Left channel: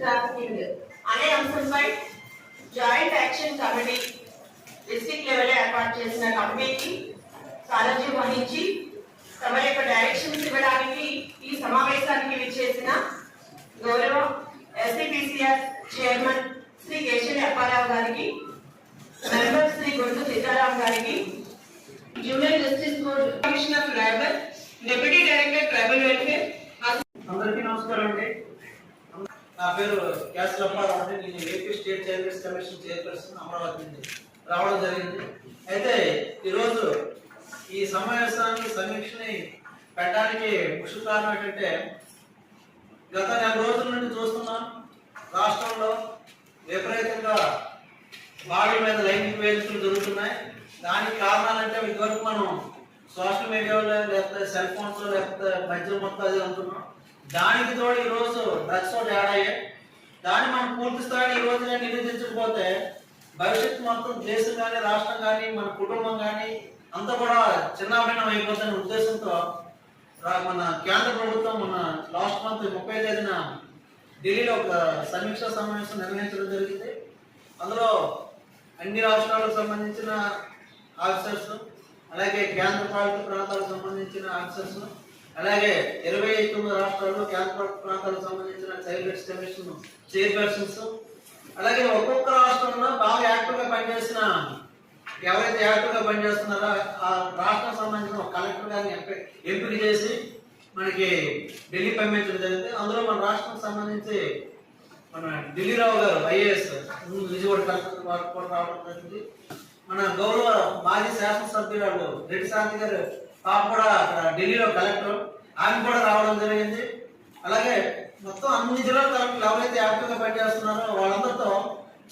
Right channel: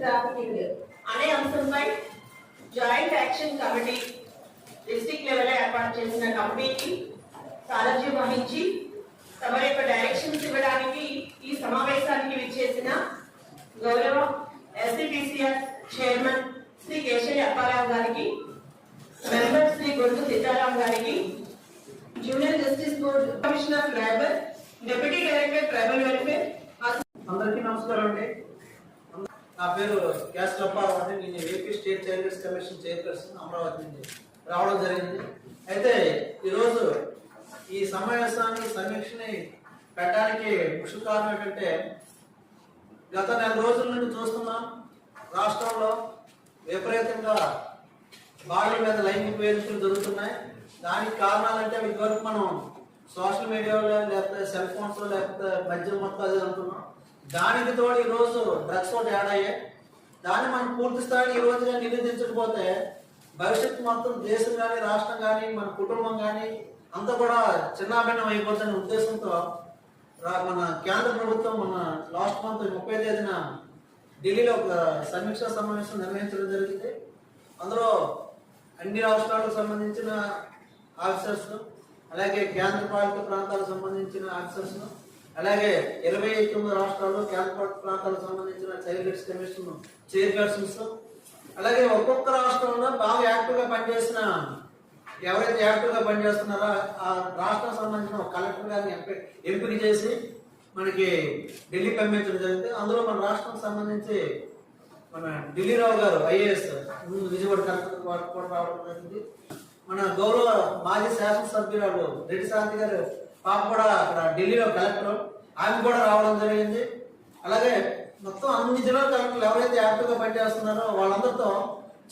Trafficking అనే అంశంపై joint action committee district level ఏర్పాటు చేసిన కమిటీకి సారథ్యం వహించి తమ యొక్క డైరెక్షన్స్ ఇవ్వడానికి ఈ సమావేశానికి విచ్చేసిన గౌరవ ఎస్పీపీసీఆర్ చైర్మన్ శ్రీ కేశరి అప్పారావు గారికి, మెంబర్ శ్రీ గొంతు సీతారాం గారికి, junior justice board commissioner of labour, deputy director tribal welfare అందరికీ నమస్కారం అండి. నా పేరు కేశరి అప్పారావు అండి. నేను AP state child rights commission chairperson Amaravati నుంచి రావడం జరిగింది. అయితే ఈరోజు ఈ సమావేశాన్ని సమీక్షని పెట్టడానికి ముఖ్య కారణం ఏంటంటే, గత నెల రోజుల నుండి చూస్తున్నాం రాష్ట్రంలో విపరీతంగా బాడీ మీద లైంగిక వేధింపులు జరుగుతున్నాయి. దానికి కారణాలంటే ఇదివరకు మనం సోషల్ మీడియాలో లేకపోతే సెల్ ఫోన్స్ లేకపోతే మద్యం మొత్తం అది అనుకున్నాం. దానికి తోడు ఈరోజు డ్రగ్స్ ఒకటి యాడ్ అయ్యాయి. దాన్ని మనం పూర్తి స్థాయిని ఈ రోజున నిరోధించకపోతే భవిష్యత్తు మొత్తం దేశం కానీ రాష్ట్రం కానీ మన కుటుంబం కానీ అంతా కూడా చిన్నాభిన్నం అయిపోతున్న ఉద్దేశంతో మన కేంద్ర ప్రభుత్వం మన లాస్ట్ మంత్ 30వ తేదీన ఢిల్లీలో ఒక సమీక్షా సమావేశం నిర్వహించడం జరిగింది. అందులో అన్ని రాష్ట్రాలకు సంబంధించిన ఆఫీసర్స్, అలాగే కేంద్ర పాలిత ప్రాంతాలకు సంబంధించిన ఆఫీసర్స్, అలాగే 29 రాష్ట్రాలు కేంద్ర ప్రాంతాలకు సంబంధించిన చైల్డ్ రైట్స్ కమిషన్ చైర్పర్సన్స్, అలాగే ఒక్కొక్క రాష్ట్రంలో బాగా యాక్టివ్గా పనిచేసిన ఎవరైతే యాక్టివ్గా పనిచేస్తున్నారో ఆ రాష్ట్రం సంబంధించిన ఒక కలెక్టర్ గారిని ఎంపిక చేసి మనకి ఢిల్లీ పంపించడం జరిగింది. అందులో మన రాష్ట్రం సంబంధించి మన ఢిల్లీరావు గారు ఐఏఎస్ విజయవాడ కలెక్టర్ వారు కూడా రావడం జరిగింది. మన గౌరవ మాజీ శాసనసభ్యురాలు రెడ్డి శాంతి గారు పాప కూడా అక్కడ ఢిల్లీలో కలెక్టర్, ఆమె కూడా రావడం జరిగింది. అలాగే మొత్తం అన్ని జిల్లాల కలెక్టర్లు ఎవరైతే యాక్టివ్గా పనిచేస్తున్నారో వాళ్ళందరితో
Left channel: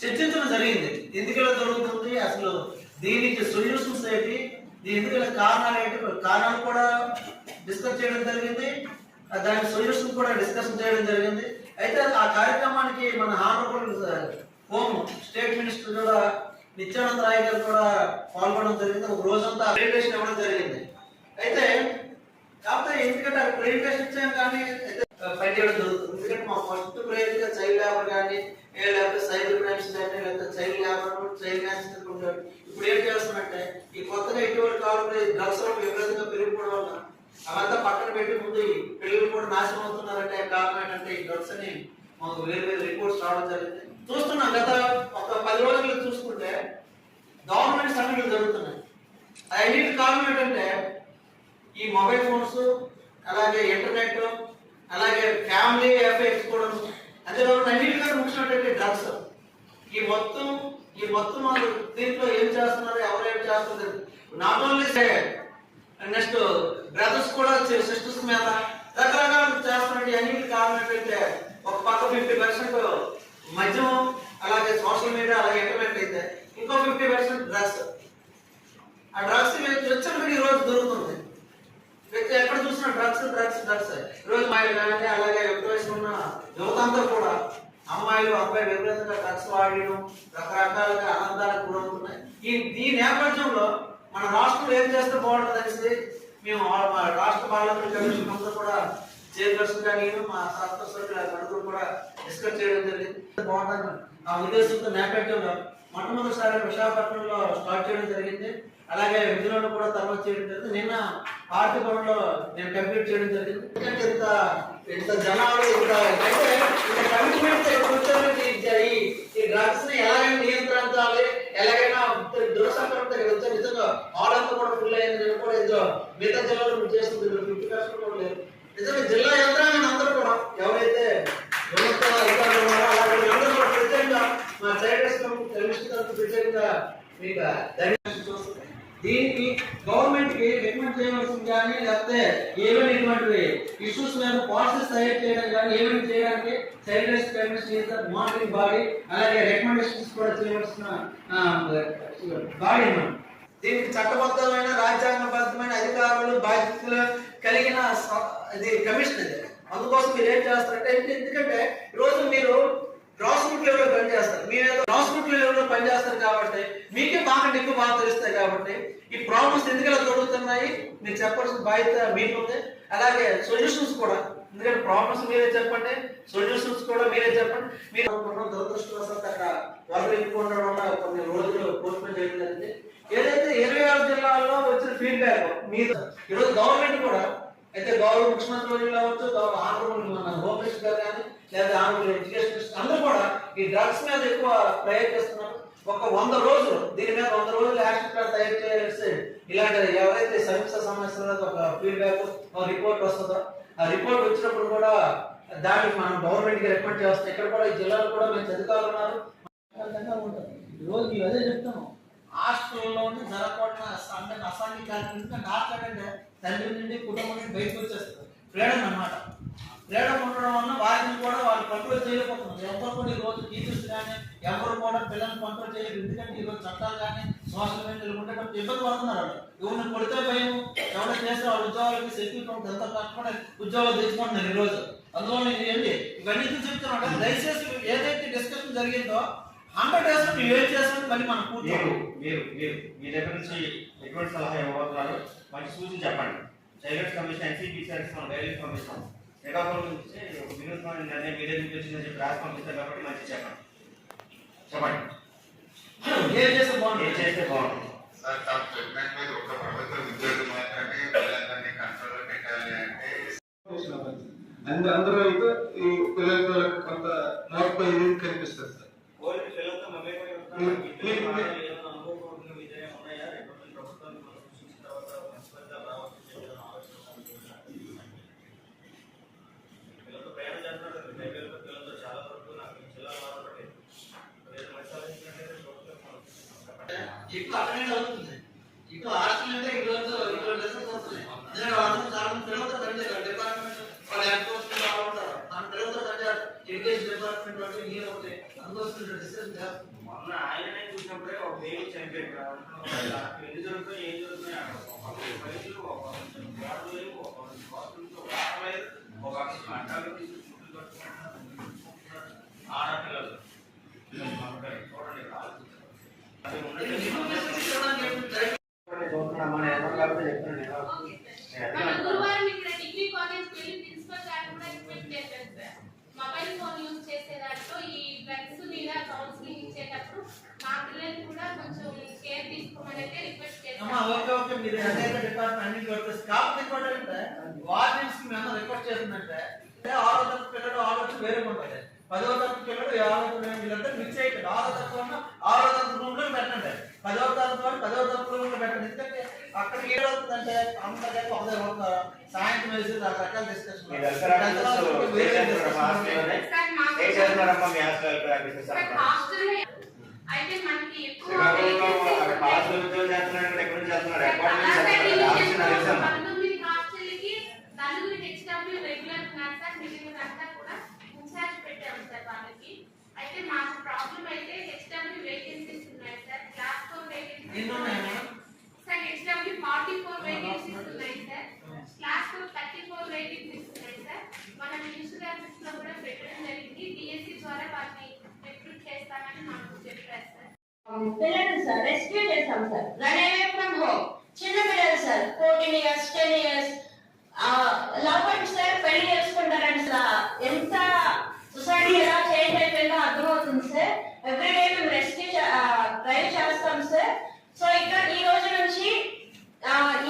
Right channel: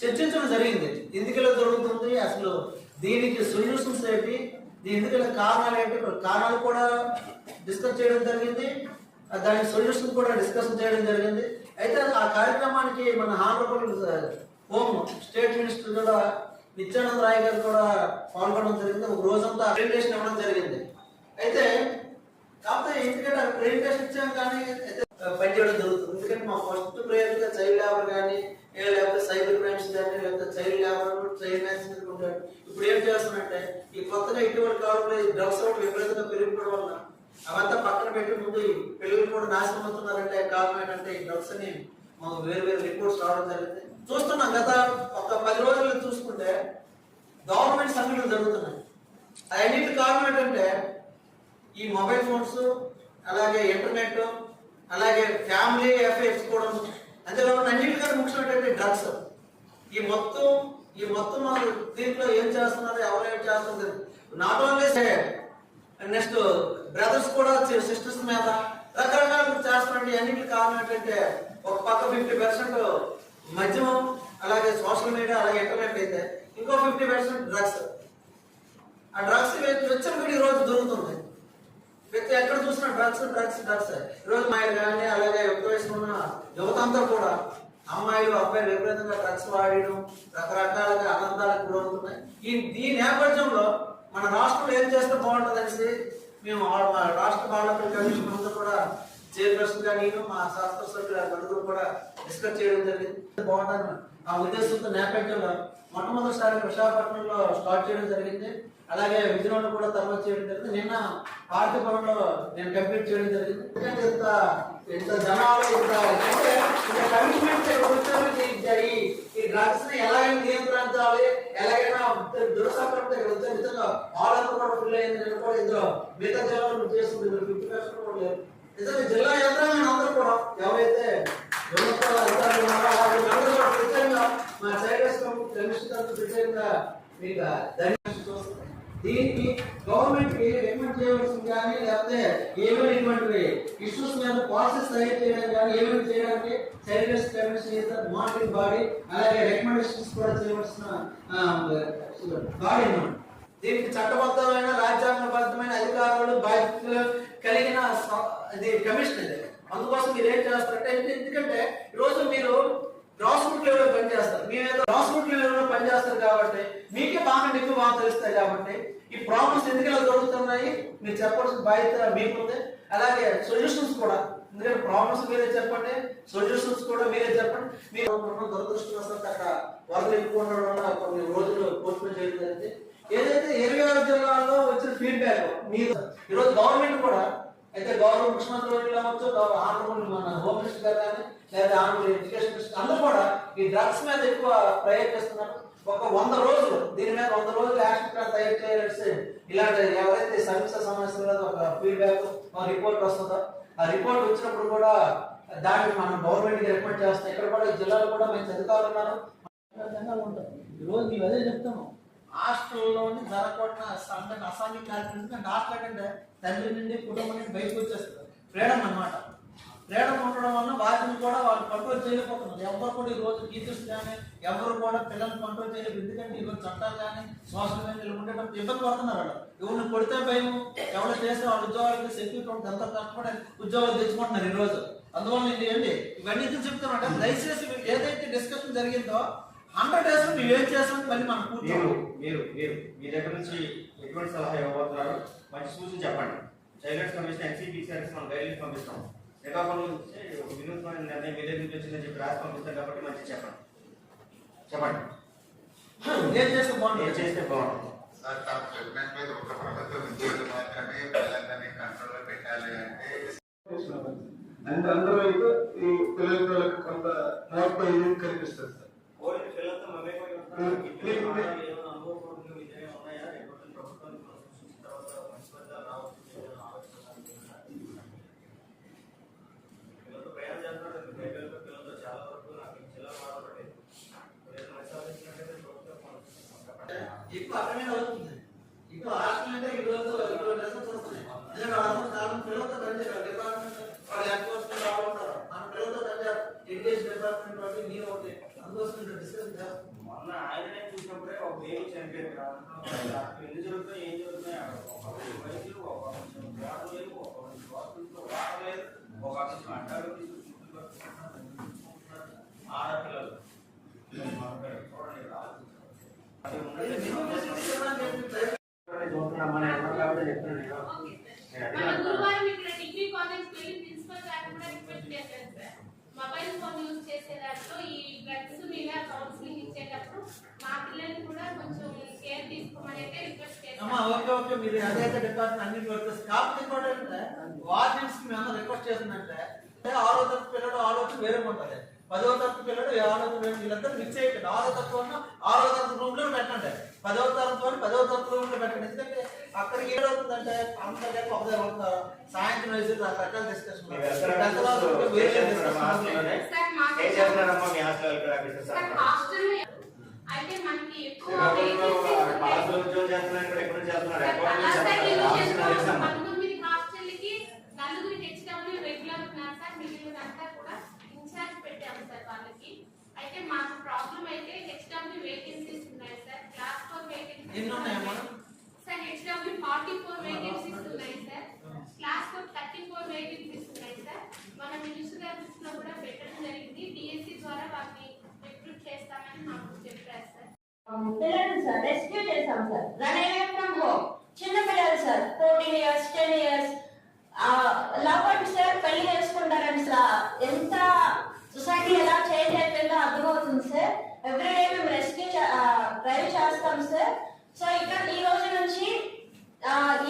చర్చించడం జరిగింది. ఎందుకు ఇలా జరుగుతుంది, అసలు దీనికి సొల్యూషన్స్ ఏంటి, ఎందుకు కారణాలు ఏంటి, కారణాలు కూడా డిస్కస్ చేయడం జరిగింది, దానికి సొల్యూషన్ కూడా డిస్కషన్ చేయడం జరిగింది. అయితే ఆ కార్యక్రమానికి మన హానరబుల్ హోమ్ స్టేట్ మినిస్టర్ కూడా నిత్యానంద రాయ్ గారు కూడా పాల్గొనడం జరిగింది. ఒక రోజంతా ప్రెజెంటేషన్ ఇవ్వడం జరిగింది. అయితే కాకపోతే ఎందుకంటే ప్రెజెంటేషన్ ఇచ్చాం కానీ పనిచేయడం జరుగుతుంది. ఎందుకంటే మా ఫస్ట్ ప్రయోజనంగా చైల్డ్ లేబర్ కానీ లేకపోతే సైబర్ క్రైమ్స్ కానీ లేకపోతే చైల్డ్ లేబర్ చైల్డ్ మ్యాన్స్ ఉంటాడు. ఇప్పుడు ఏం చేస్తున్నట్టే ఈ కొత్తగా ఇటువంటి కాలంలో డ్రగ్స్ విపరీతంగా పెరిగిపోవడం వల్ల అవంతా పక్కన పెట్టి ముందు ఈ పిల్లలు కూడా నాశనం అవుతున్నారంటే కారణం ఏంటంటే ఈ డ్రగ్స్ అని వేరు వేరు రిపోర్ట్స్ రావడం జరిగింది. చూస్తున్నాం గత ఒక 10 రోజులు చూసుకుంటే గవర్నమెంట్ సమ్మిట్లు జరుగుతున్నాయి. అన్నిటి కారణం ఏంటంటే ఈ మొబైల్ ఫోన్స్, అలాగే ఇంటర్నెట్, అలాగే ఫ్యామిలీ ఎఫెక్ట్స్ కూడా, అంతేకాకుండా అన్నిటికంటే ముఖ్యమైనటువంటి డ్రగ్స్. ఈ మొత్తం వాళ్ళు దీంట్లో ఏం చేస్తున్నారు, ఎవరు ఏం చేస్తున్నారు, నాట్ ఓన్లీ నెక్స్ట్ బ్రదర్స్ కూడా సిస్టర్స్ మీద రకరకాలు చేస్తున్నట్టు అన్నిటికి కారణం ఏంటంటే ఒక పక్క 50% మద్యం, అలాగే సోషల్ మీడియా, అలాగే ఇంటర్నెట్ అయితే ఇంకో 50% డ్రగ్స్. ఆ డ్రగ్స్ వెచ్చలు ఈ రోజు దొరుకుతుంది. ఎక్కడ చూసినా డ్రగ్స్. ఈరోజు అమ్మాయిలు కానీ అలాగే వయసు ఉన్న యువతంతా కూడా అమ్మాయిలు అబ్బాయిలు విపరీతంగా డ్రగ్స్ వాడడం రకరకాలుగా ఆనందాలకు గురవుతున్నాయి. ఈ నేపథ్యంలో మన రాష్ట్రంలో ఏం చేస్తే బాగుంటుంది అనేసి మేము రాష్ట్ర పార్లమెంట్ కమిషన్ అంతా కూడా చైర్పర్సన్ కానీ మా శాసనసభ్యుల నలుగురు కూడా డిస్కస్ చేయడం జరిగింది. బాగుంటుంది ఆ ఉద్దేశంతో నేపథ్యంలో మొట్టమొదటిసారి విశాఖపట్నంలో స్టార్ట్ చేయడం జరిగింది. అలాగే విజయనగరంలో కూడా తర్వాత చేయడం జరిగింది. నిన్న పార్టీ భవన్లో నేను కంప్లీట్ చేయడం జరిగింది. ఇంత జనాలు కమిట్మెంట్ ఈ డ్రగ్స్ ని ఎలా నియంత్రించాలి, ఎలాగైనా దురసంక్రమణ నిజంగా ఆర్డర్ కూడా ఫుల్ అయింది. నేను కూడా ఇందులో మిగతా జిల్లాలో చేస్తుంది 50% కూడా లేదు. నిజంగా జిల్లా యంత్రాంగం అందరూ కూడా ఎవరైతే ప్రత్యేకంగా మా చైల్డ్ ప్రత్యేకంగా మీకు దీనికి గవర్నమెంట్ కి రికమెండ్ చేయవలసింది కానీ లేకపోతే ఏమైనా ఇటువంటి ఇష్యూస్ మీద పాలసీస్ తయారు చేయడం కానీ ఏమైనా చేయడానికి child rights commission monitoring body, అలాగే రికమెండేషన్స్ కూడా చేయవలసిన బాడీ. దీనికి చట్టబద్ధమైన రాజ్యాంగబద్ధమైన అధికారులు బాధ్యతలు కలిగిన కమిషన్ ఇది. అందుకోసం మీరు ఏం చేస్తారంటే, ఎందుకంటే ఈరోజు మీరు గ్రాస్ రూట్ లెవెల్ పనిచేస్తారు. మీరేదో గ్రాస్ రూట్ లెవెల్ లో పనిచేస్తారు కాబట్టి మీకే మాకంటే ఎక్కువ బాగా తెలుస్తాయి. కాబట్టి ఈ ప్రాబ్లమ్స్ ఎందుకు ఇలా జరుగుతున్నాయి మీరు చెప్పాల్సిన బాధ్యత మీకుంది. అలాగే సొల్యూషన్స్ కూడా, ఎందుకంటే ప్రాబ్లమ్స్ మీరే చెప్పండి, సొల్యూషన్స్ కూడా మీరే చెప్పండి. మీరు దురదృష్టవశాత్తు అక్కడ వరద ఎక్కువ ఉండడం వల్ల కొన్ని రోజులు పోస్ట్పోన్ చేయడం జరిగింది. ఏదైతే 26 జిల్లాల్లో వచ్చిన ఫీడ్బ్యాక్ మీరు ఈరోజు గవర్నమెంట్ కూడా అయితే గౌరవ ముఖ్యమంత్రి వర్యులు కావచ్చు, గౌరవ ఆంధ్రప్రదేశ్ మన హోమ్ మినిస్టర్ గారు కానీ లేదా ఆంధ్రప్రదేశ్ ఎడ్యుకేషన్ మినిస్టర్ అందరూ కూడా ఈ డ్రగ్స్ మీద ఎక్కువ ప్రయత్నిస్తున్నారు. ఒక 100 రోజులు దీని మీద 100 రోజులు యాక్షన్ ప్లాన్ తయారు చేయాల్సి ఇలాంటి ఎవరైతే సమీక్ష సమస్యల మీద ఒక ఫీడ్బ్యాక్ ఒక రిపోర్ట్ వస్తుందో ఆ రిపోర్ట్ వచ్చినప్పుడు కూడా దాన్ని మనం గవర్నమెంట్ కి రిపోర్ట్ చేస్తాం. ఇక్కడ కూడా ఈ జిల్లాలో కూడా మేము అధికారులు ఉన్నారు ఉంటుంది. ఈరోజు మేము అదే చెప్తాము, హాస్టల్లోని జరగకుండా అసాంఘిక కార్యక్రమం హాస్టల్ కంటే తండ్రి నుండి కుటుంబం నుండి బయటకు వచ్చేస్తారు. ఫ్రీడమ్ అన్నమాట. ఫ్రీడమ్ ఉండడం వల్ల వాటిని కూడా వాళ్ళు కంట్రోల్ చేయలేకపోతున్నారు. ఎవరు కూడా ఈ రోజు టీచర్స్ కానీ ఎవరు కూడా పిల్లల్ని కంట్రోల్ చేయలేదు. ఎందుకంటే ఈరోజు చట్టాలు కానీ సోషల్ మీడియాలో ఉండేటప్పుడు ఇబ్బంది పడుతున్నారు. వాళ్ళు ఎవరిని కొడితే భయం, ఎవరు చేస్తే వాళ్ళ ఉద్యోగాలకి సెక్యూరిటీ ఉంటుంది, ఎంత కష్టపడి ఉద్యోగాలు తెచ్చుకుంటున్నారు ఈ రోజు. అందువల్ల ఇది ఏంటి ఇవన్నీ చెప్తున్నా దయచేసి ఏదైతే డిస్కషన్ జరిగిందో 100% మీరు ఏం చేస్తామని మళ్ళీ మనం కూర్చోండి. మీరు మీ దగ్గర నుంచి ఎటువంటి సలహా ఇవ్వబోతున్నారు, మంచి సూచన చెప్పండి. చైల్డ్ రైట్స్ కమిషన్ ఎన్సీపీసీఆర్కి మనం గైడ్లైన్స్ పంపిస్తాం. శ్రీకాకుళం నుంచి ఒక వినూత్నమైన నిర్ణయం మీ దగ్గర నుంచి వచ్చిందని చెప్పి రాసి పంపిస్తాం కాబట్టి మంచి చెప్పండి. ఏం చేస్తే బాగుంటుంది, ఏం చేస్తే బాగుంటుంది. సార్ తాము చెప్పినట్లయితే ఒక ప్రభుత్వ ఉద్యోగి మాత్రమే పిల్లలని కంట్రోల్లో పెట్టాలి అంటే అందులో అయితే ఈ పిల్లలతో కొంత మార్పు అనేది కనిపిస్తుంది సార్. ఓన్లీ పిల్లలతో మమేకమై ఉంటున్నారు. ఏమైనా అనుభవపూర్వకంగా విజయం ఉన్నాయా? ఎటువంటి ప్రభుత్వాన్ని మనం సృష్టించిన తర్వాత మంచి ఫలితాలు రావచ్చు పిల్లలతో ప్రయాణం చేస్తున్నారు. పిల్లలతో చాలా వరకు నాకు జిల్లాలో ఆధారపడలేదు. మంచి ఆలోచించినట్లయితే ఎక్కువ అటెండ్ అవుతుంది. ఎక్కువ హాస్టల్ అంటే ఈరోజు ఇటువంటి లెసన్స్ వస్తున్నాయి. చాలా పిల్లలతో డిపార్ట్మెంట్ వాళ్ళు ఎన్ఫోర్స్మెంట్ వాళ్ళు ఉంటారు. ఆ పిల్లలతో ఎడ్యుకేషన్ డిపార్ట్మెంట్ ఒకటి నేను ఒకటి అందుకోసం డిస్కషన్ చేస్తాం. మొన్న ఆయననే చూసినప్పుడే ఒక దేవి చనిపోయాడు. ఎన్ని జరుగుతాయి, ఏం జరుగుతున్నాయి, ఒక వయసులు, ఒక వేడలేదు, ఒక బాత్రూమ్తో వాడలేదు, ఒక అంటారు ఆడపిల్లలు చూడండి చూస్తున్నామని ఎవరు కాబట్టి చెప్తున్నాను. గురువారం ఇక్కడ డిగ్రీ కాలేజ్ వెళ్ళి ప్రిన్సిపల్ గారిని కూడా రిక్వెస్ట్ చేశాను సార్. మొబైల్ ఫోన్ యూజ్ చేసే దాంట్లో ఈ డ్రగ్స్ మీద కౌన్సిలింగ్ ఇచ్చేటప్పుడు మా పిల్లల్ని కూడా కొంచెం కేర్ తీసుకోమని అయితే రిక్వెస్ట్ చేశాను. ఓకే మీరు అదే డిపార్ట్మెంట్ అన్నింటి వర్క్ స్టాఫ్ రిపోర్ట్ అంటే వార్డెన్స్ కి మేము రిక్వెస్ట్ చేస్తుందంటే 6వ తరగతి పిల్లడు ఆలోచన వేరే ఉంటుంది, 10వ తరగతి పిల్లడు ఆలోచన వీళ్ళంతా మిక్స్ అయ్యాడు. 6వ తరగతి 6వ తరగతి రూమ్ లో పెట్టండి, 10వ తరగతి వాళ్ళు 10వ తరగతి రూమ్ లో పెట్టండి. ఎందుకంటే అక్కడ ఏమవుతుందంటే అందరికీ ఒకదే ఒక సాయంత్రం వేసి రకరకాల డిస్కషన్ అయితే మనకి ఎక్కువ నలుగురికి హెచ్డబ్ల్యూ రెగ్యులర్ ఉన్నారు సార్. మిగిలినంతా కూడా ఇన్ఛార్జ్ పెట్టాము సార్ వాళ్ళకి. అయితే మాకు ప్రాబ్లం అయితే హెచ్డబ్ల్యూ వేకెన్సీస్ ఉన్నాయి sir. Class 4 vacancies sir. HW 44 vacancies ఉన్నాయి సార్. క్లాస్ 4 34 వేకెన్సీస్ ఉన్నాయి సార్. మన మినిస్టర్ ఆఫీస్ లో కూడా పెట్టడం జరిగింది. డిఎస్సి ద్వారా వాటిని రిక్రూట్ చేస్తామని మాకు చెప్పారు సార్. పిల్లలు సార్ రెస్క్యూ చేస్తాం sir. Run away from home చిన్న పిల్లలు sir 14 years 10 years love and sir పెళ్లి చేసుకుంటారండి సార్. ఎంత సొసైటీ ఎలా చేంజ్ అయిపోయిందో అర్థమవుతుంది సార్. ఎవ్రీడే మేము రెస్క్యూ డ్రైవ్ చేస్తాం సార్. సో ఇక్కడ ఈ రోజు నుంచి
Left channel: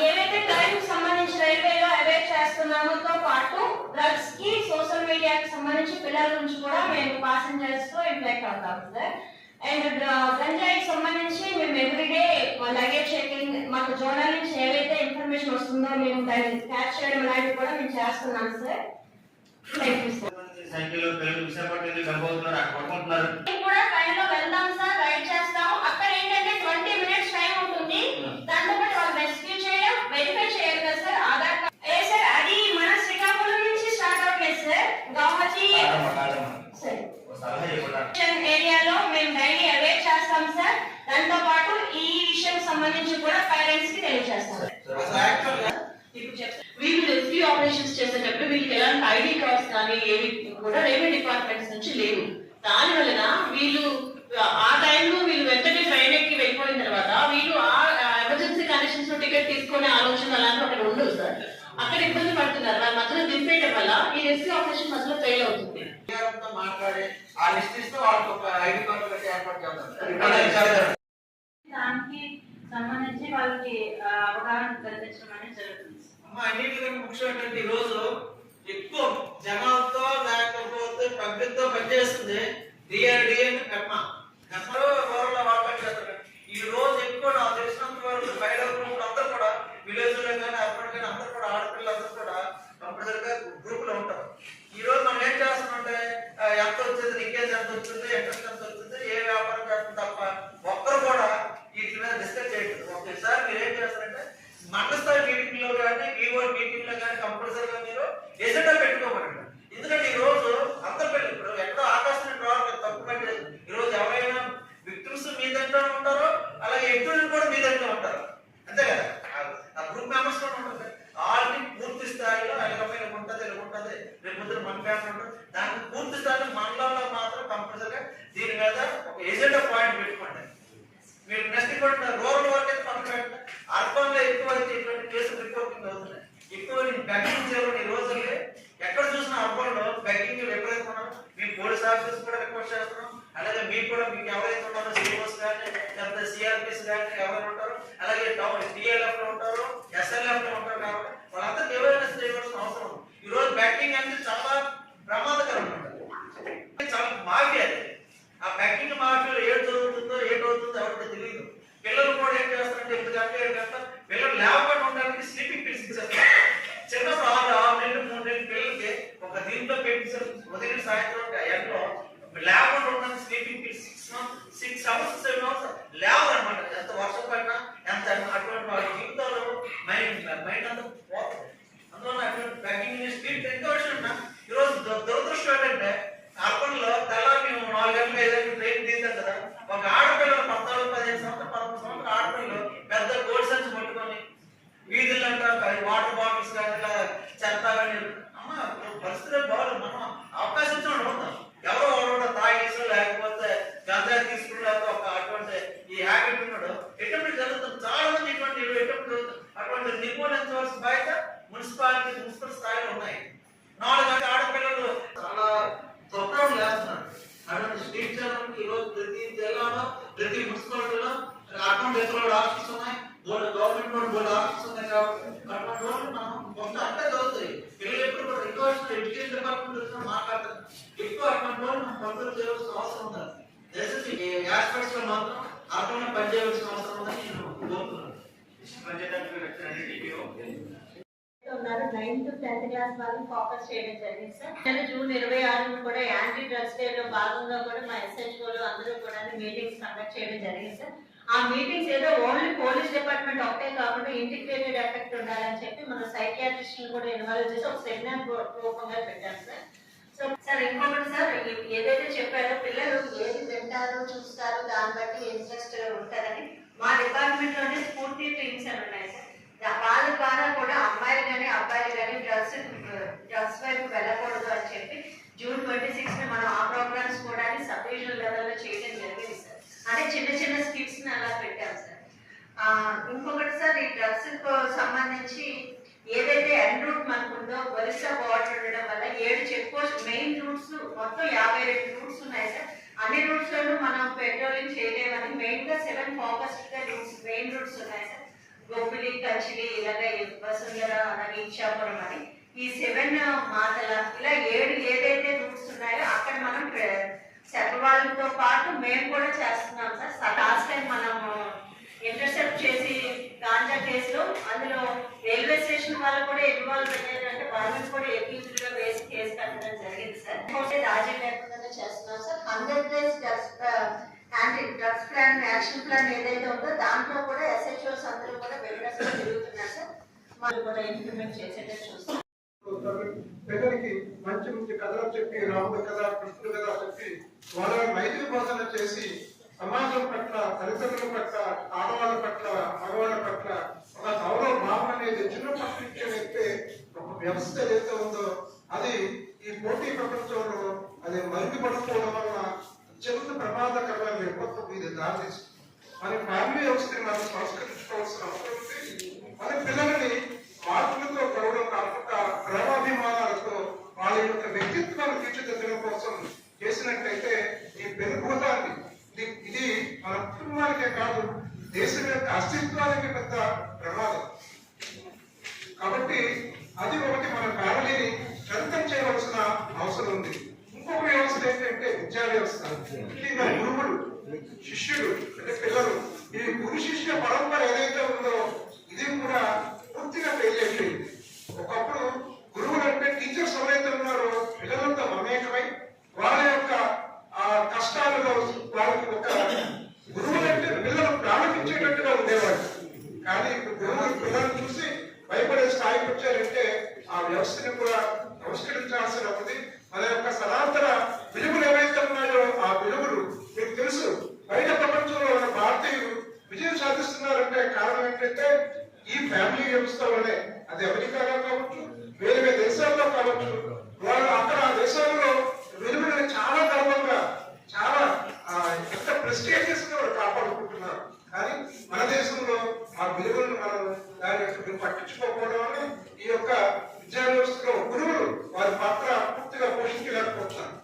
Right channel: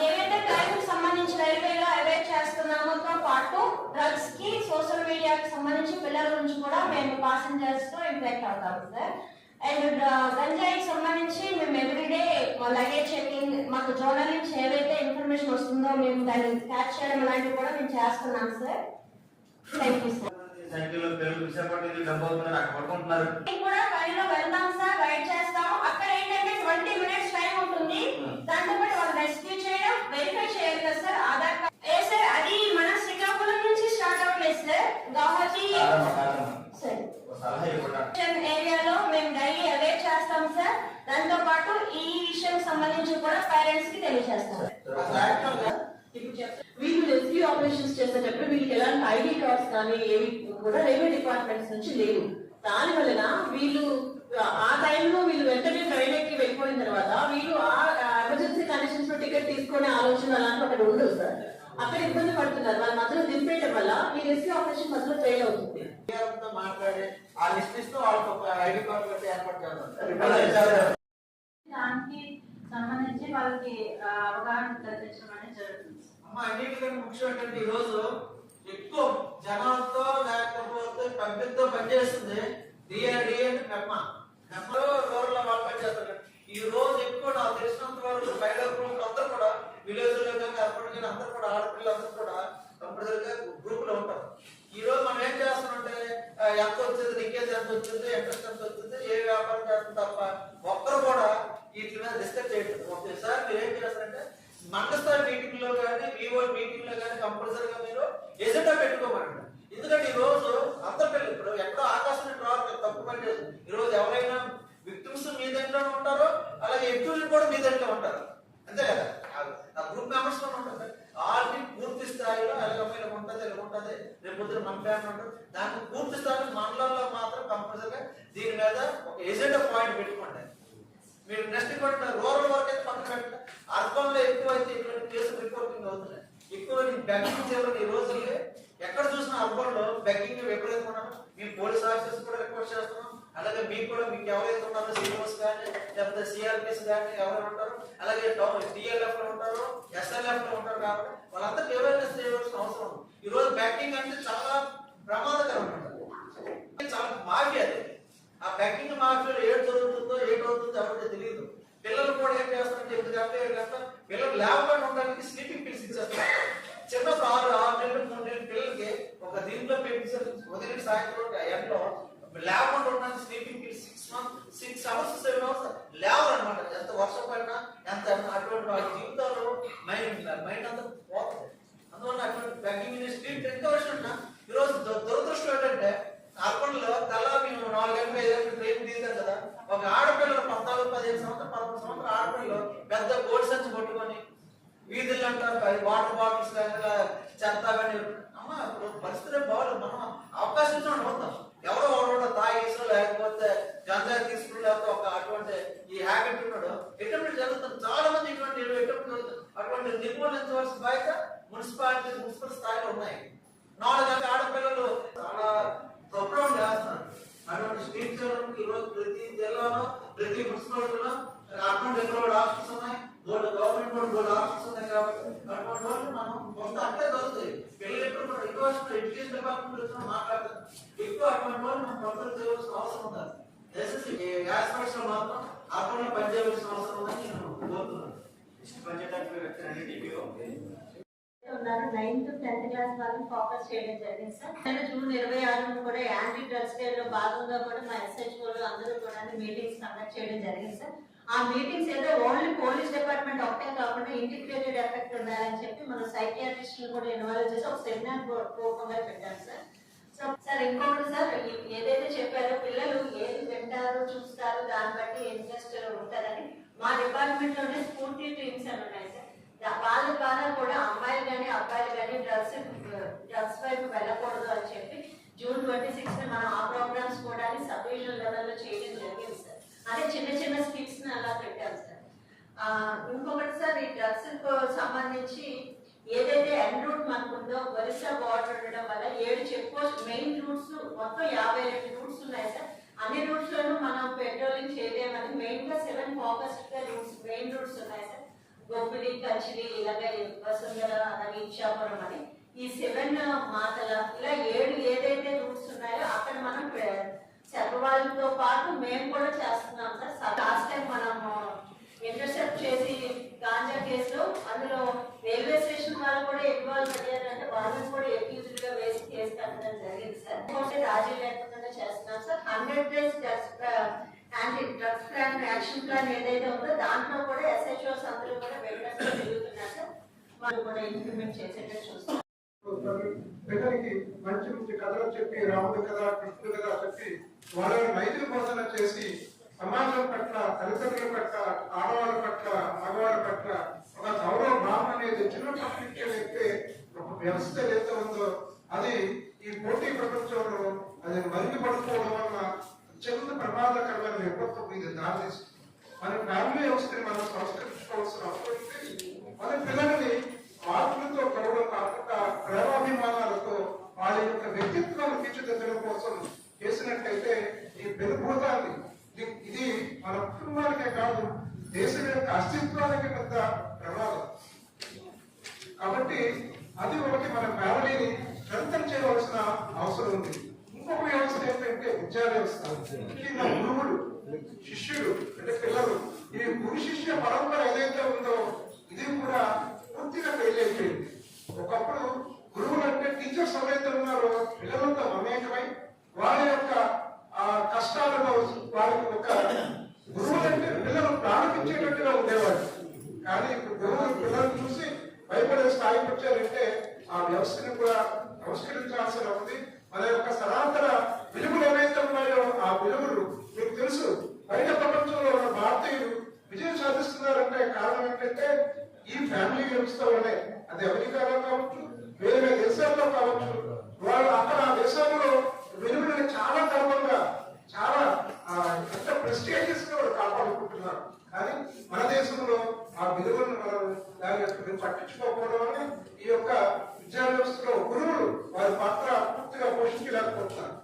ఏవైతే క్రైమ్ సంబంధించి రైల్వేలో అవేర్ చేస్తున్నామోతో పాటు డ్రగ్స్ కి సోషల్ మీడియాకి సంబంధించి పిల్లల గురించి కూడా మేము ప్యాసింజర్స్ తో ఇంటరాక్ట్ అవుతాం సార్. అండ్ గంజాయికి సంబంధించి మేము ఎవ్రీడే లగేజ్ చెకింగ్ మాకు జోనల్ నుంచి ఏవైతే ఇన్ఫర్మేషన్ వస్తుందో మేము దాన్ని క్యాచ్ చేయడం లాంటివి కూడా మేము చేస్తున్నాం సార్. Thank you sir. కూడా ట్రైన్ లో వెళ్దాం సార్, రైడ్ చేస్తాము. అక్కడ ఏంటంటే 20 minutes టైం ఉంటుంది. దాంతో పాటు వాళ్ళు రెస్క్యూ చేయడం వెరిఫై చేయాలి కదా సార్. ఆధార్ కార్డ్ ఏ సార్ అది మన శ్రీకాకుళం నుంచి స్టార్ట్ అవుతుంది సార్. గౌహతి ఏరియాలో మేము డైలీ అవేర్ చేస్తాం సార్. దాంతో పాటు ఈ విషయం సంబంధించి కూడా పేరెంట్స్ కి తెలియజేస్తాం. వీళ్ళు రెస్క్యూ ఆపరేషన్స్ చేసేటప్పుడు వీళ్ళకి ఎలాంటి ఐడి కార్డ్స్ కానీ ఏవి కూడా రెవెన్యూ డిపార్ట్మెంట్స్ నుంచి లేవు. దాని వలన వీళ్ళు ఆ టైంలో వీళ్ళు వెంటనే ట్రైన్ ఎక్కి వెళ్ళిపోయిన తర్వాత వీళ్ళు ఆ ఎమర్జెన్సీ కండిషన్స్ లో టికెట్ తీసుకునే ఆలోచన అలాంటి అక్కడ ఉండదు సార్. అక్కడ ఇబ్బంది పడుతున్నారు. వాళ్ళ మధ్యలో దింపేయడం వల్ల ఈ రెస్క్యూ ఆపరేషన్ మధ్యలో ఫెయిల్ అవుతుంది. మాట్లాడి ఆ లిస్ట్ ఇస్తూ వాళ్ళకి ఒక ఐడి కార్డు పెట్టి ఏర్పాటు చేస్తారు. దానికి సంబంధించి వాళ్ళకి అవగాహన కల్పించడం అనేది జరుగుతుంది. అన్నింటికంటే ముఖ్యం ఏంటంటే ఈ రోజు ఎక్కువ జనాలతో లేకపోతే పబ్లిక్ తో పనిచేస్తుంది డిఆర్డిఎన్ కర్మ వాళ్ళు పనిచేస్తారు. ఈ రోజు ఎక్కువ నాకు తెలిసినంత వరకు బయట అందరూ కూడా విలేజ్ లో కానీ అర్బన్ కానీ అందరూ కూడా ఆడపిల్లలు అందరూ కూడా కంపల్సరీ గా గ్రూప్ లో ఉంటారు. ఈ రోజు మనం ఏం చేస్తున్నామంటే ఎంత వచ్చింది, లీకేజ్ ఎంత వచ్చింది, ఇంట్రెస్ట్ ఎంత వచ్చింది, ఏ వ్యాపారం చేస్తుంది తప్ప ఒక్కరు కూడా వీటి మీద డిస్కస్ చేయట్లేదు. ఒకసారి మీరు ఏం చేస్తారంటే మండల స్థాయి మీటింగ్ లో కానీ వివో మీటింగ్ లో కానీ కంపల్సరీగా మీరు ఎజెండా పెట్టుకోమండి. ఎందుకంటే ఈ రోజు అందరి పిల్లలు ఇప్పుడు ఎక్కడో ఆకాశం రావాలి తప్పు పెట్టలేదు. ఈ రోజు ఎవరైనా విక్టిమ్స్ మీ దగ్గర ఉంటారో అలాగే ఎక్యూజ్డ్ కూడా మీ దగ్గర ఉంటారు, అంతే కదా. ఆ గ్రూప్ మెంబర్స్ కూడా ఉంటుంది. వాళ్ళని పూర్తి స్థాయిలో ఎలాగైనా ఉంటుంది ఇలా ఉంటుంది, రేపు పొద్దున మన ఫ్యామిలీ ఉంటుంది. దానికి పూర్తి స్థాయిలో మండలంలో మాత్రం కంపల్సరీగా దీని మీద ఒక ఎజెండా పాయింట్ పెట్టుకోండి. మీరు నెక్స్ట్ కూడా రూరల్ వర్క్ అయితే పక్కన పెట్టండి. అర్బన్ లో ఎక్కువ అయితే ఇటువంటి కేసులు రిపోర్టింగ్ అవుతున్నాయి. ఎక్కువ బెగ్గింగ్ చేయడం ఈ రోజుల్లో ఎక్కడ చూసినా అర్బన్ లో బెగ్గింగ్ విపరీతంగా ఉన్నారు. మేము పోలీస్ ఆఫీసర్స్ కూడా రిక్వెస్ట్ చేస్తున్నాం. అలాగే మీకు కూడా మీకు ఎవరైతే ఉన్నారో సిఓస్ కానీ లేకపోతే సిఆర్పిఎస్ కానీ ఎవరైనా ఉంటారో అలాగే టిఎల్ఎఫ్ లో ఉంటారో ఎస్ఎల్ఎఫ్ లో ఉంటారు కాబట్టి వాళ్ళందరికీ అవేర్నెస్ చేయవలసిన అవసరం ఉంది. ఈ రోజు బ్యాకింగ్ అనేది చాలా ప్రమాదకరం ఉంటుంది, చాలా మాఫియా. ఆ బ్యాకింగ్ మాఫియాలో ఏడు జరుగుతుందో ఏటవుతుందో ఎవరికి తెలియదు. పిల్లలు కూడా ఏం చేస్తారంటే 8 గంటలు 7 గంటలు పిల్లలు లేవకుండా ఉండడానికి స్లీపింగ్ పిల్స్ ఇచ్చేస్తారు. చిన్నప్పుడు 6 నెలలు 3 నెలల పిల్లలకి ఒక దీంట్లో పెట్టి ఉదయం సాయంత్రం ఎండలో లేకుండా ఉండడానికి స్లీపింగ్ పిల్స్ 6 అవర్స్ 7 అవర్స్ లేవరు అనమాట. ఎంత వర్షం పడినా ఎంత అటువంటి వాళ్ళ జీవితాలు మైండ్ అంతా పోతుంది. అందువల్ల అటువంటి బ్యాకింగ్ స్లీప్ ఎంత వర్షం ఉన్నా ఈరోజు దురదృష్టం ఏంటంటే అర్బన్ లో తెల్లారి మేము 4 గంటలు 5 గంటలు ట్రైన్ తీసాం కదా. ఒక ఆడపిల్లలు 14, 15 సంవత్సరాలు 11 సంవత్సరాలు ఆడపిల్లలు పెద్ద కోడి సంచి పట్టుకొని వీధుల్లో వాటర్ బాటిల్స్ కానీ చెత్త కానీ అమ్మ పరిస్థితులు బాగాలేదు. మనం అవకాశం ఉంటాం. ఎవరో కూడా తాగేసో లేకపోతే గంజాయి తీసుకుని ఒక అటువంటి ఈ హ్యాబిట్ ఉన్నాడు ఎటువంటి జరుగుతుంది. చాలా మంది ఇటువంటి ఎటువంటి జరుగుతుంది. అటువంటి నిర్మూలించవలసిన బాధ్యత మున్సిపల్ స్థాయిలో ఉన్నాయి. 4 గంటల ఆడపిల్లలు చాలా తొక్కడం చేస్తున్నారు. అటువంటి స్ట్రీట్ ఈ రోజు ప్రతి జిల్లాలో ప్రతి మున్సిపాలిటీలో అటువంటి ఎక్కడ ఆఫీస్ ఉన్నాయి, గవర్నమెంట్ బోర్డు ఆఫీస్ ఉన్నాయి. కాబట్టి అటువంటి వాళ్ళు మనం కొంత అంటే జరుగుతాయి. పిల్లలు ఎప్పుడు కూడా ఎక్కువ ఎడ్యుకేషన్ డిపార్ట్మెంట్ మాట్లాడతారు. ఎక్కువ అటువంటి వాళ్ళు మనం కంట్రోల్ చేయవలసిన అవసరం ఉంది. దయచేసి ఆస్పెక్ట్స్ లో మాత్రం అటువంటి పనిచేయవలసిన అవసరం ఉందని నేను కోరుతున్నాను. ఉన్నారు 9th to 10th క్లాస్ వాళ్ళని ఫోకస్ చేయడం జరిగింది సార్. జూన్ 26న కూడా యాంటీ డ్రగ్స్ డే లో భాగంగా కూడా మా ఎస్హెచ్ఓలు అందరూ కూడా మీటింగ్స్ కండక్ట్ చేయడం జరిగింది సార్. ఆ మీటింగ్స్ ఏదో ఓన్లీ పోలీస్ డిపార్ట్మెంట్ ఒకటే కాకుండా ఇంటిగ్రేటెడ్ ఎఫెక్ట్ ఉండాలని చెప్పి మన సైకియాట్రిస్టులు కూడా ఇన్వాల్వ్ చేసి ఒక సెమినార్ రూపంగా పెట్టాం సార్. సో సార్ ఇంకొకటి సార్, ఏదైతే చెప్పారో పిల్లలు ఏది వింటారో చూస్తారో దాన్ని బట్టి ఇంట్రెస్ట్ ఉంటారని మా డిపార్ట్మెంట్ లోనే స్ఫూర్తి టీమ్స్ అని ఉన్నాయి సార్. వాళ్ళ ద్వారా కూడా అమ్మాయిలు కానీ అబ్బాయిలు కానీ డ్రగ్స్ వైపు వెళ్ళకూడదు అని చెప్పి జూన్ 26న మనం ఆ ప్రోగ్రామ్స్ కూడా సబ్ రీజనల్ లెవెల్లో చేయడం జరిగింది సార్. అంటే చిన్న స్కిట్స్ ని అలా పెట్టాం సార్. ఇంకొకటి సార్, ఈ డ్రగ్స్ సంబంధించి ఏదైతే ఎండ్ రూట్ మనకు ఉందో ఒరిస్సా బార్డర్ ఉండడం వల్ల 7 చెక్ పోస్ట్ మెయిన్ రూట్స్ మొత్తం 57 రూట్స్ ఉన్నాయి సార్. అన్ని రూట్స్ లోనూ మనం పెట్రోలింగ్ చేయలేమని మెయిన్ గా 7 ఫోకస్డ్ గా రూట్స్ మెయిన్ రూట్స్ ఉన్నాయి సార్. గోపిలి, కచిలి, ఇలాగే వసుంధర అలాగే ఇచ్చాపురం అని ఈ 7 మాటల ఇలా 7 ఏదైతే రూట్స్ ఉన్నాయో అక్కడ మనం చెప్పవాళ్ళతో పాటు మేము కూడా చేస్తున్నాం సార్. లాస్ట్ టైం మనం ఇంటర్సెప్ట్ చేసి గాంజా కేసులో అందులో రైల్వే స్టేషన్ వాళ్ళు కూడా ఇన్వాల్వ్ అయ్యారంటే వాళ్ళని కూడా ఎక్యూజ్డ్ గా వేసి కేసు కట్టడం జరిగింది సార్. రాజీ లేకుండా చేస్తున్నాం sir. 100 days anti drugs plan action plan ఏదైతే ఉందో దాంట్లో కూడా ఎస్హెచ్ఓస్ అందరూ కూడా వెల్నెస్ లో తిరుగుతున్నారు సార్. వాళ్ళు కూడా ఇంప్లిమెంట్ చేసేటట్టు చూస్తాం. పిల్లలకి మంచి కథలు చెప్పి రాముడి కథ కృష్ణుడి కథ చెప్పి వాళ్ళ నైతిక బోధన చేసి సమాజం పట్ల, తల్లిదండ్రుల పట్ల, ఆడవాళ్ళ పట్ల, మగవాళ్ళ పట్ల ఒక గౌరవ భావం అనేది చిన్నప్పటి నుంచి వ్యక్తి ఒక వ్యవస్థ ఏదైతే ఉందో ఆ అది ఈ పోటీ ప్రపంచంలో అది మరుగుపడిపోవడం వల్ల అత్యంత ప్రమాదకరమైన విపత్తు ఇది దారితీస్తుంది. మన ఫ్యామిలీ వ్యవస్థని మనం సంస్కరించుకోవాల్సిన అవసరం ఉంది. మన పిల్లలని మార్పులతో గౌరవం కాకుండా ప్రేమాభిమానాలతో వాళ్ళ యొక్క వ్యక్తిత్వాన్ని తీర్చిదిద్దడం కోసం చేసినట్టయితే ఈ పెనుభూతాన్ని ఇది మన కుటుంబానికే కాదు దేశం యొక్క అస్తిత్వానికి పెద్ద ప్రమాదం. కాబట్టి అది ఒకటి మన ఫ్యామిలీని స్ట్రెంథన్ చేయవలసిన అవసరం ఉంది. ఇంకొక వ్యవస్థ ఏంటంటే విద్యా వ్యవస్థ. ముఖ్యంగా గురువులు, శిష్యుడు అంటే పిల్లలు, ఈ గురు శిష్య పరంపర ఏదైతే ఉందో ఇది కూడా పూర్తిగా ఫెయిల్ అయిపోయింది. ఒకప్పుడు గురువులు అంటే టీచర్స్ ఎవరైతే ఉన్నారో పిల్లలతో మమేకమై వాళ్ళ యొక్క కష్టాలలో వాళ్ళకి ఒక గురువులు అంటే పిల్లలు ప్రారంభించేటట్టుగా ఉండేవాడు. కానీ ఇప్పుడు గురువులు పిల్లలు చూసి భయపడే స్థాయికి వచ్చారంటే ఆ వ్యవస్థని కూడా నమస్కరించాల్సిన ఉంది. మన యొక్క సనాతన విలువలు ఏవైతే ఉన్నాయో ఆ విలువలు మీకు తెలుసు. బయట ప్రపంచంలో ఉన్న భారతీయులు విజయం సాధిస్తున్నారంటే కారణం ఏంటంటే ఈ ఫ్యామిలీ వ్యవస్థ వల్లే. అది అమెరికాలో కావచ్చు, వేరే వేరే దేశాల్లో కావచ్చు, వాళ్ళు అక్కడ ఆ దేశాల్లో విలువలని చాలా గర్వంగా చాలా ఎంత ప్రెస్టీజియస్ గా వాళ్ళు కాపాడుకుంటున్నారు. కానీ మన దేశంలో ఆ విలువలను మనం దాని యొక్క పట్టించుకోకపోవడం వల్ల ఈ యొక్క విద్యా వ్యవస్థలో గురువులు వారి పాత్ర పూర్తిగా పోషించలేకపోతున్నారు.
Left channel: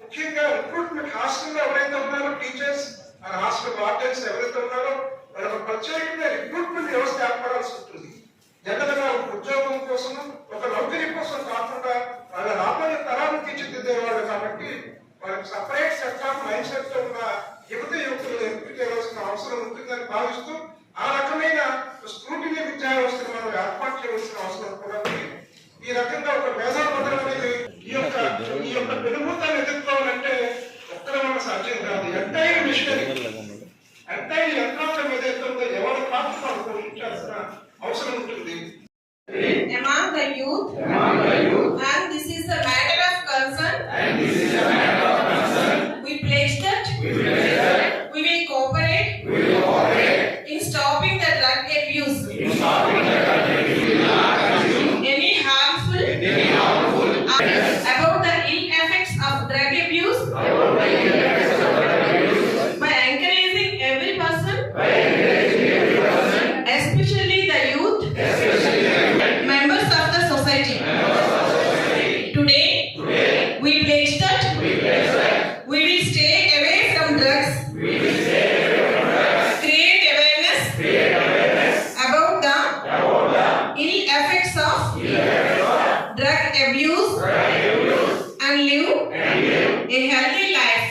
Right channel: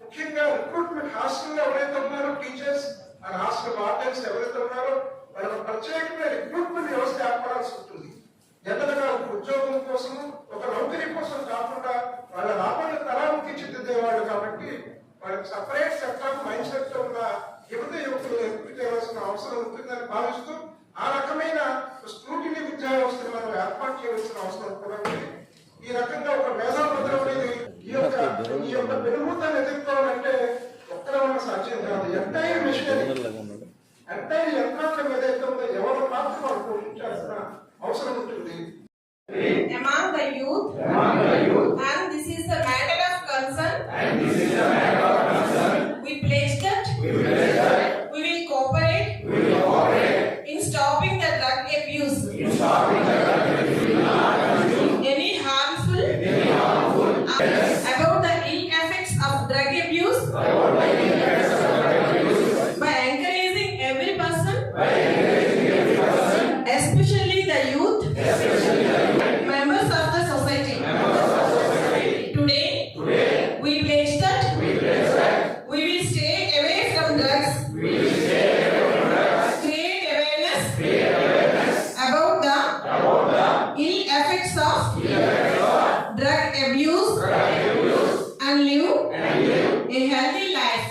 ముఖ్యంగా రిక్రూట్మెంట్ హాస్టల్లో ఎవరైతే ఉన్నారో టీచర్స్ అండ్ హాస్టల్ వార్డెన్స్ ఎవరైతే ఉన్నారో వాళ్ళకి ప్రత్యేకంగా రిక్రూట్మెంట్ వ్యవస్థ ఏర్పడాల్సి ఉంటుంది. జనరల్గా ఉద్యోగం కోసం ఒక నౌకరీ కోసం కాకుండా వాళ్ళ రాబోయే తరాన్ని తీర్చిదిద్దేవాళ్ళు కాబట్టి వాళ్ళకి separate set of mind set తో ఉన్న యువతులు ఎంపిక చేయవలసిన అవసరం ఉంటుందని భావిస్తూ ఆ రకమైన స్క్రూటినీ విద్యా వ్యవస్థను మనం ఏర్పాటు చేయవలసిన అవసరం కూడా ఉంది. ఈ రకంగా ఒక మేధాపత్రం అనేది ఈ యొక్క పెనుభూతాన్ని ఎదుర్కోవాలంటే ఒక్కడే ఉన్న సాధ్యం కాదు. ఎంటైర్ మిషనరీ ఎంటైర్ యంత్రాంగం ఏదైతే ఉందో ఎవరి పాత్ర వాళ్ళు పోషించాల్సిన అవసరం ఉంటుంది. Among the youth, and this is a matter of concern, we pledge that we will cooperate in stopping the drug abuse. Any harmful about the ill effects of drug abuse by encouraging every person, especially the youth, members of the society. Today, we pledge that we will stay away from drugs. Create awareness about the ill effects of drug abuse and live a healthy life.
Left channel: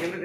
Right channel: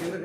కింద